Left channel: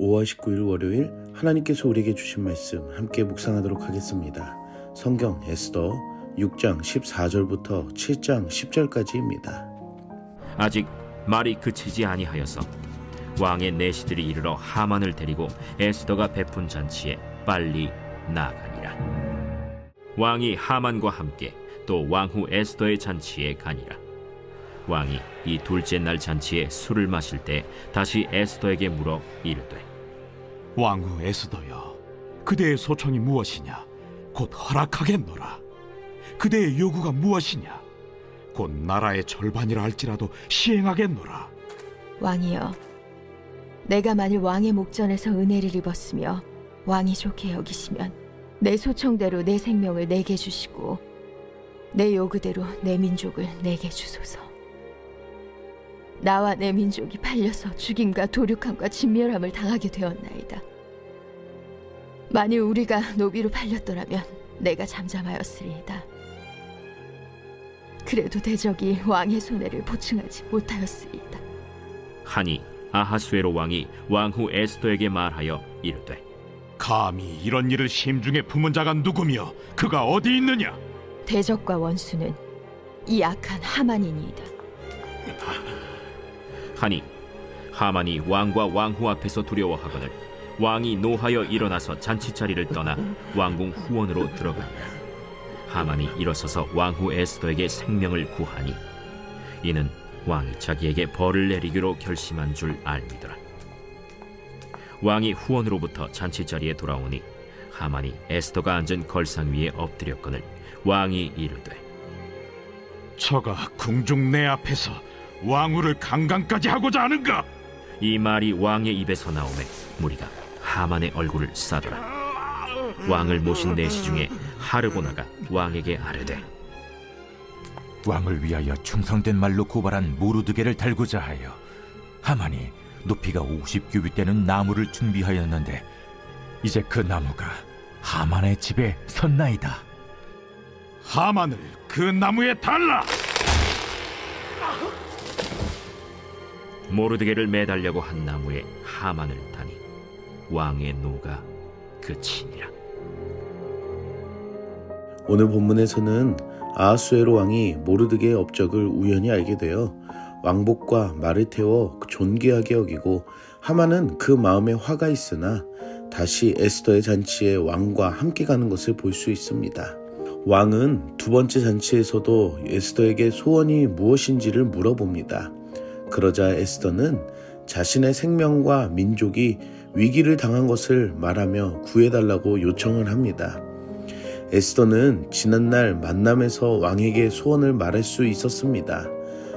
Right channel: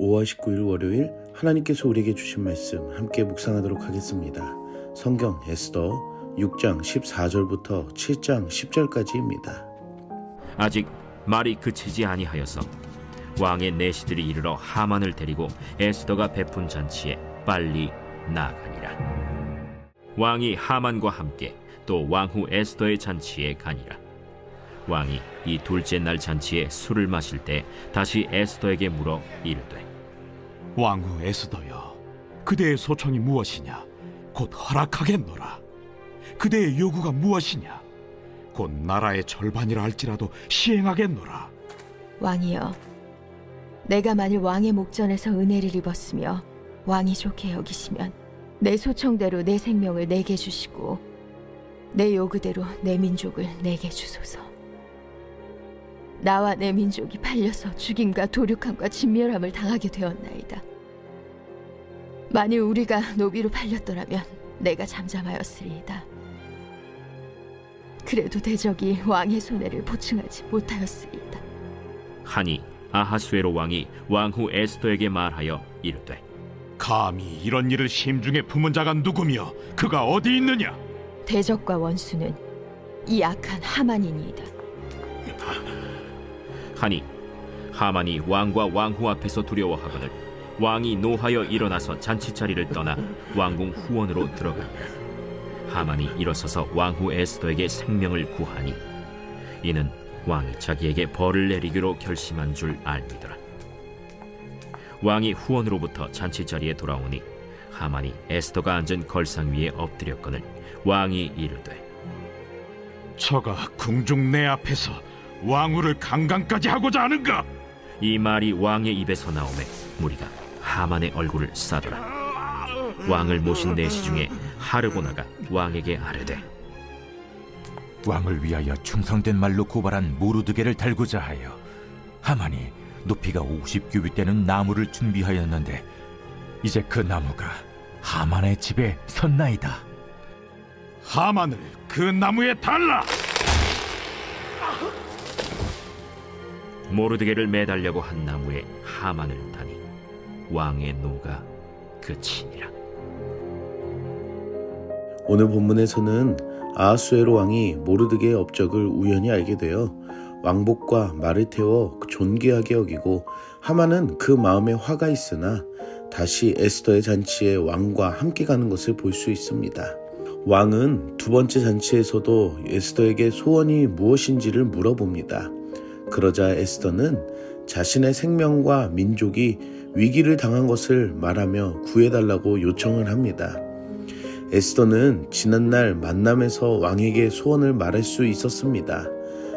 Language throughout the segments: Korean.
5월 19일 월요일 하나님께서 우리에게 주신 말씀 함께 묵상하도록 하겠습니다. 성경 에스더 6장 14절부터 7장 10절까지입니다. 아직 말이 그치지 아니하여서 왕의 내시들이 이르러 하만을 데리고 에스더가 베푼 잔치에 빨리 나아가니라. 왕이 하만과 함께 또 왕후 에스더의 잔치에 가니라. 왕이 이 둘째 날 잔치에 술을 마실 때 다시 에스더에게 물어 이르되, 왕후 에스더여, 그대의 소청이 무엇이냐? 곧 허락하겠노라. 그대의 요구가 무엇이냐? 곧 나라의 절반이라 할지라도 시행하겠노라. 왕이여, 내가 만일 왕의 목전에서 은혜를 입었으며 왕이 좋게 여기시면 내 소청대로 내 생명을 내게 주시고 내 요구대로 내 민족을 내게 주소서. 나와 내 민족이 팔려서 죽임과 도륙함과 진멸함을 당하게 되었나이다. 만일 우리가 노비로 팔렸더라면 내가 잠잠하였으리이다. 그래도 대적이 왕의 손해를 보충하지 못하였으리이다. 하니 아하수에로 왕이 왕후 에스더에게 말하여 이르되, 감히 이런 일을 심중에 품은 자가 누구며 그가 어디 있느냐? 대적과 원수는 이 악한 하만이니이다. 하니 하만이 왕과 왕후 앞에서 두려워하거늘 왕이 노하여 일어나서 잔치자리를 떠나 왕궁 후원으로 들어가니라. 하만이 일어서서 왕후 에스더에게 생명을 구하니 이는 왕이 자기에게 벌을 내리기로 결심한 줄 알미더라. 왕이 후원으로부터 잔치자리에 돌아오니 하만이 에스더가 앉은 걸상 위에 엎드렸거늘 왕이 이르되, 저가 궁중 내 앞에서 왕후를 강간까지 하고자 하는가? 이 말이 왕의 입에서 나오매 무리가 하만의 얼굴을 싸더라. 왕을 모신 내시 중에 하르보나가 왕에게 아뢰되, 왕을 위하여 충성된 말로 고발한 모르드게를 달고자 하여 하만이 높이가 50규빗 되는 나무를 준비하였는데 이제 그 나무가 하만의 집에 섰나이다. 하만을 그 나무에 달라! 모르드게를 매달려고 한 나무에 하만을 다니 왕의 노가 그치니라. 오늘 본문에서는 아하수에로 왕이 모르드게의 업적을 우연히 알게 되어 왕복과 말을 태워 존귀하게 여기고 하만은 그 마음에 화가 있으나 다시 에스더의 잔치에 왕과 함께 가는 것을 볼 수 있습니다. 왕은 두 번째 잔치에서도 에스더에게 소원이 무엇인지를 물어봅니다. 그러자 에스더는 자신의 생명과 민족이 위기를 당한 것을 말하며 구해달라고 요청을 합니다. 에스더는 지난날 만남에서 왕에게 소원을 말할 수 있었습니다.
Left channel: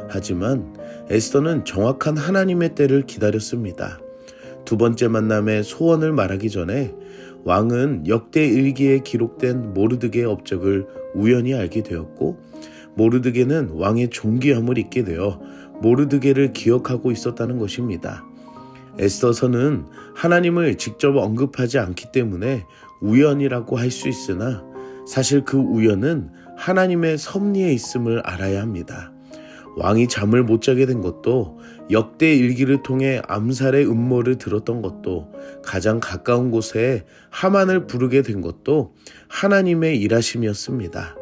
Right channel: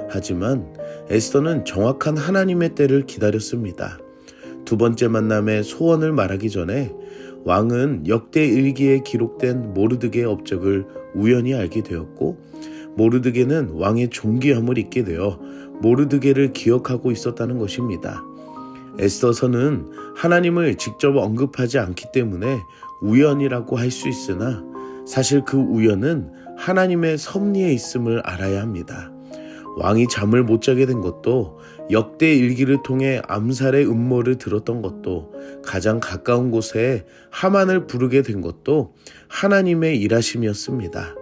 하지만 에스더는 정확한 하나님의 때를 기다렸습니다. 두 번째 만남에 소원을 말하기 전에 왕은 역대 일기에 기록된 모르드게의 업적을 우연히 알게 되었고 모르드게는 왕의 존귀함을 잊게 되어 모르드게를 기억하고 있었다는 것입니다. 에스더서는 하나님을 직접 언급하지 않기 때문에 우연이라고 할 수 있으나 사실 그 우연은 하나님의 섭리에 있음을 알아야 합니다. 왕이 잠을 못 자게 된 것도 역대 일기를 통해 암살의 음모를 들었던 것도 가장 가까운 곳에 하만을 부르게 된 것도 하나님의 일하심이었습니다.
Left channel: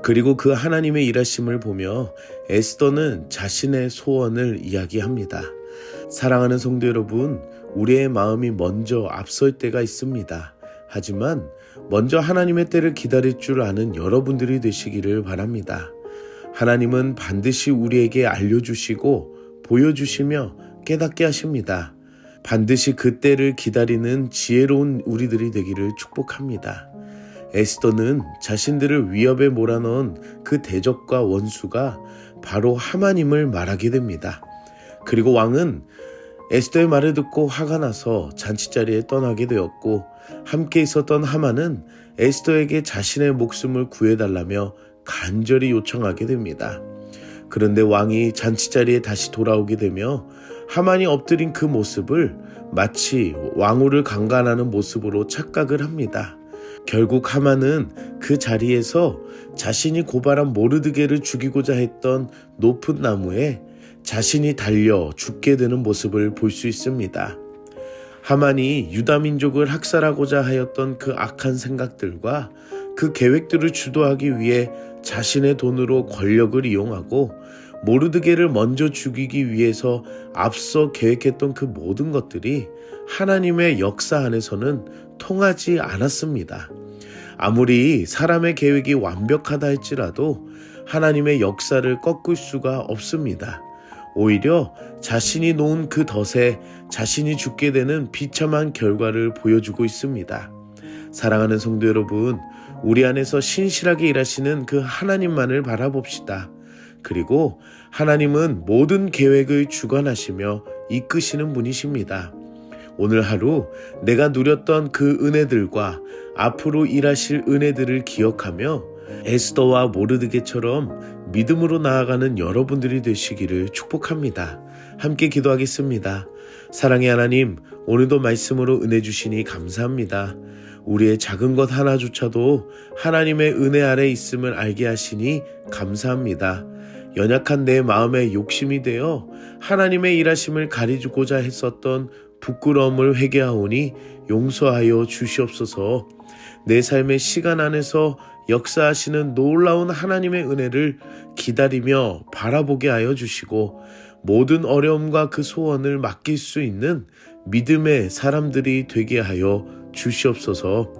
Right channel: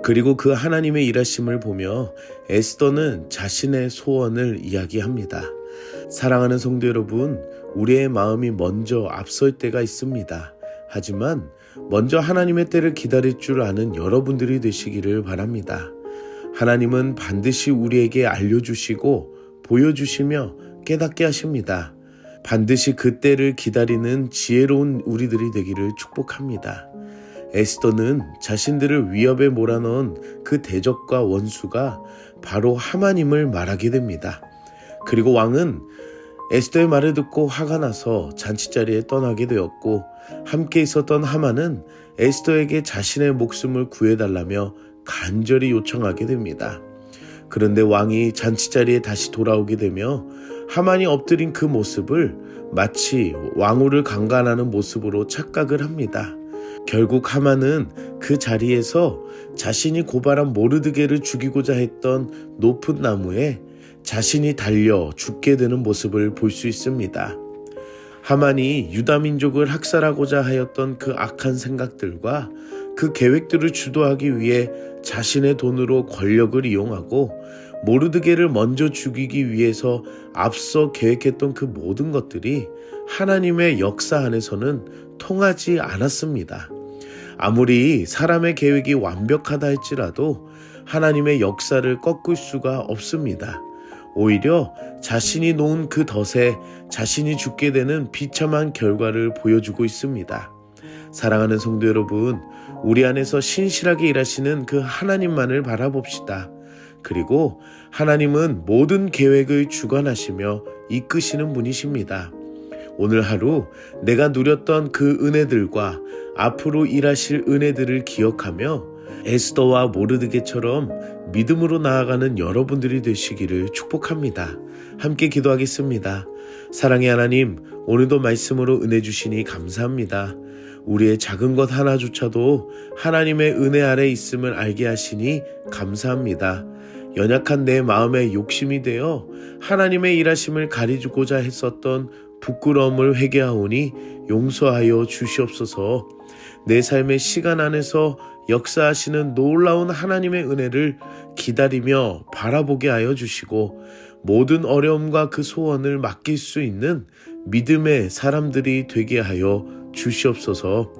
그리고 그 하나님의 일하심을 보며 에스더는 자신의 소원을 이야기합니다. 사랑하는 성도 여러분, 우리의 마음이 먼저 앞설 때가 있습니다. 하지만 먼저 하나님의 때를 기다릴 줄 아는 여러분들이 되시기를 바랍니다. 하나님은 반드시 우리에게 알려주시고 보여주시며 깨닫게 하십니다. 반드시 그 때를 기다리는 지혜로운 우리들이 되기를 축복합니다. 에스더는 자신들을 위협에 몰아넣은 그 대적과 원수가 바로 하만임을 말하게 됩니다. 그리고 왕은 에스더의 말을 듣고 화가 나서 잔치자리에 떠나게 되었고 함께 있었던 하만은 에스더에게 자신의 목숨을 구해달라며 간절히 요청하게 됩니다. 그런데 왕이 잔치자리에 다시 돌아오게 되며 하만이 엎드린 그 모습을 마치 왕후를 강간하는 모습으로 착각을 합니다. 결국 하만은 그 자리에서 자신이 고발한 모르드게를 죽이고자 했던 높은 나무에 자신이 달려 죽게 되는 모습을 볼 수 있습니다. 하만이 유다 민족을 학살하고자 하였던 그 악한 생각들과 그 계획들을 주도하기 위해 자신의 돈으로 권력을 이용하고 모르드게를 먼저 죽이기 위해서 앞서 계획했던 그 모든 것들이 하나님의 역사 안에서는 통하지 않았습니다. 아무리 사람의 계획이 완벽하다 할지라도 하나님의 역사를 꺾을 수가 없습니다. 오히려 자신이 놓은 그 덫에 자신이 죽게 되는 비참한 결과를 보여주고 있습니다. 사랑하는 성도 여러분, 우리 안에서 신실하게 일하시는 그 하나님만을 바라봅시다. 그리고 하나님은 모든 계획을 주관하시며 이끄시는 분이십니다. 오늘 하루 내가 누렸던 그 은혜들과 앞으로 일하실 은혜들을 기억하며 에스더와 모르드게처럼 믿음으로 나아가는 여러분들이 되시기를 축복합니다. 함께 기도하겠습니다. 사랑의 하나님, 오늘도 말씀으로 은혜 주시니 감사합니다. 우리의 작은 것 하나조차도 하나님의 은혜 아래 있음을 알게 하시니 감사합니다. 연약한 내 마음에 욕심이 되어 하나님의 일하심을 가리고자 했었던 부끄러움을 회개하오니 용서하여 주시옵소서. 내 삶의 시간 안에서 역사하시는 놀라운 하나님의 은혜를 기다리며 바라보게 하여 주시고 모든 어려움과 그 소원을 맡길 수 있는 믿음의 사람들이 되게 하여 주시옵소서.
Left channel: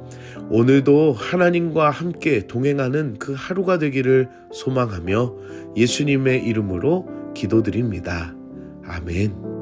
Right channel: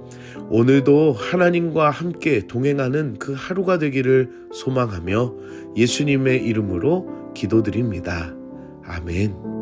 오늘도 하나님과 함께 동행하는 그 하루가 되기를 소망하며 예수님의 이름으로 기도드립니다. 아멘.